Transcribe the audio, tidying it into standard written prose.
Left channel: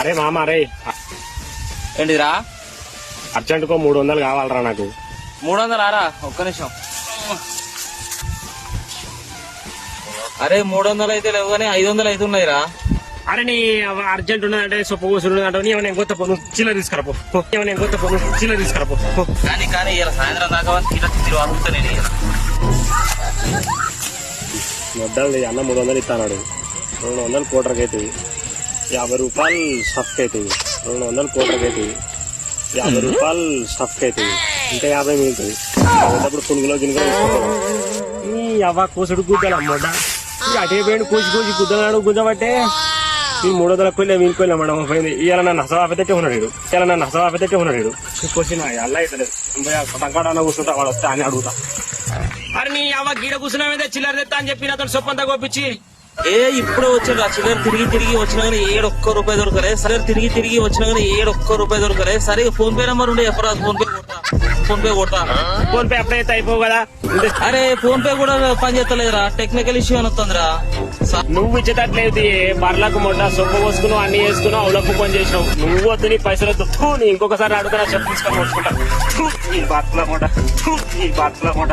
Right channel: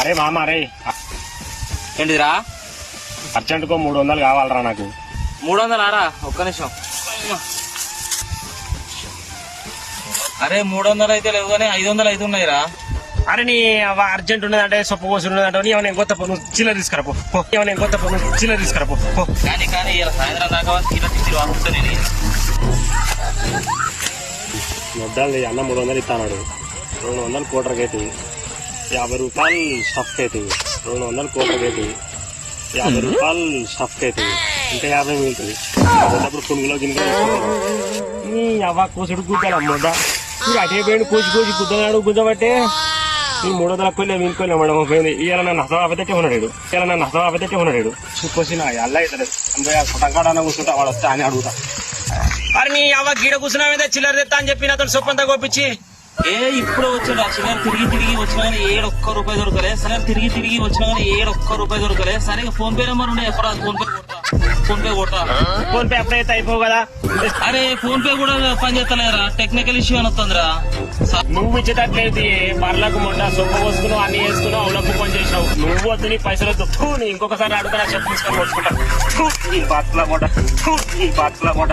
అరే మామ అరే ఏంటిదిరా? అర్జెంట్ కో 300 కావాలరా నాకు. 300 ఆరా? ఒక్క నిమిషం. అరే 300 అయితే లేవు కానీ 500 అయితే ఉన్నాయిరా. అరే నీ అర్జెంట్ ఉన్నదంటే సొప్పు కోసి ఉన్నదంటే నీ ఏమైనా కొత్త నువ్వు చిల్లర తీసుకురాపో. ఏమైనా కొత్త నువ్వు చిల్లర తీసుకురాపో. కానీ ఇలా సాయంత్రం దాకా మొద్దాలు అన్న 300 ఇస్తాడు. 200 కోటర్కి అవుతుంది. 50 రూపాయలు స్టఫ్కి అవుతుంది. 200 కోటర్కి అవుతుంది. 50 రూపాయలు స్టఫ్కి అవుతుంది. ఇంకా 50 మిగులుతుంది. అప్పుడు పునుగులో గిన్నె ఈ అవ్వ కోసుడు గుద్దాను అమ్మొద్ద. అటే పోయింది కోసి కోసి గుద్దనాడు గుద్దబట్టే ఈ 300 కొన్ని వీలుకొని అమ్మడం పోయింది. ఇలా నన్ను హసవాపితే ఉన్నాడు. ఇలా నన్ను హసవాపితే ఉన్నాడు. కోసిన అల్లా అవుతుంది. టంకాడ కూర్చుంటా వాడు వస్తే అని అడుగుతా. అరే నీ అవ్వ గీడ కూర్చున్నా మీద చిల్లర తెత్తా అని చెప్పి అతను సొప్పంతా కోపించి ఇప్పుడే వచ్చాడు. చిల్లర తిరిగి వచ్చినా కానీ 7 ఒక్క రూపాయి దొరకలే. సరే తిరిగి వచ్చినా కానీ 7 ఒక్క రూపాయి దొరకలే. సరే ఫోన్ పే నెంబర్ ఉండే ఎక్కడ ఫోన్ పే కొట్టా. ఫోన్ పే అప్లై అయితే అయిపోవు కదా. అరే ఫోన్ పే కూడా పని చేస్తలేరా? టెక్నికల్ ఇష్యూ అని వస్తుందిరా. నువ్వు ఇచ్చేటట్లయితే మరలకు మొన్న సొప్ప పోసుకున్నావు అన్ని వేసుకున్నావు అవలకు పని చేసావు. నువ్వు వద్దు నీ పైసలతో ఇంకొకసారి అడుగుతా తీసుకొని వచ్చుకుంటావు. ఈ బాట్ల మొట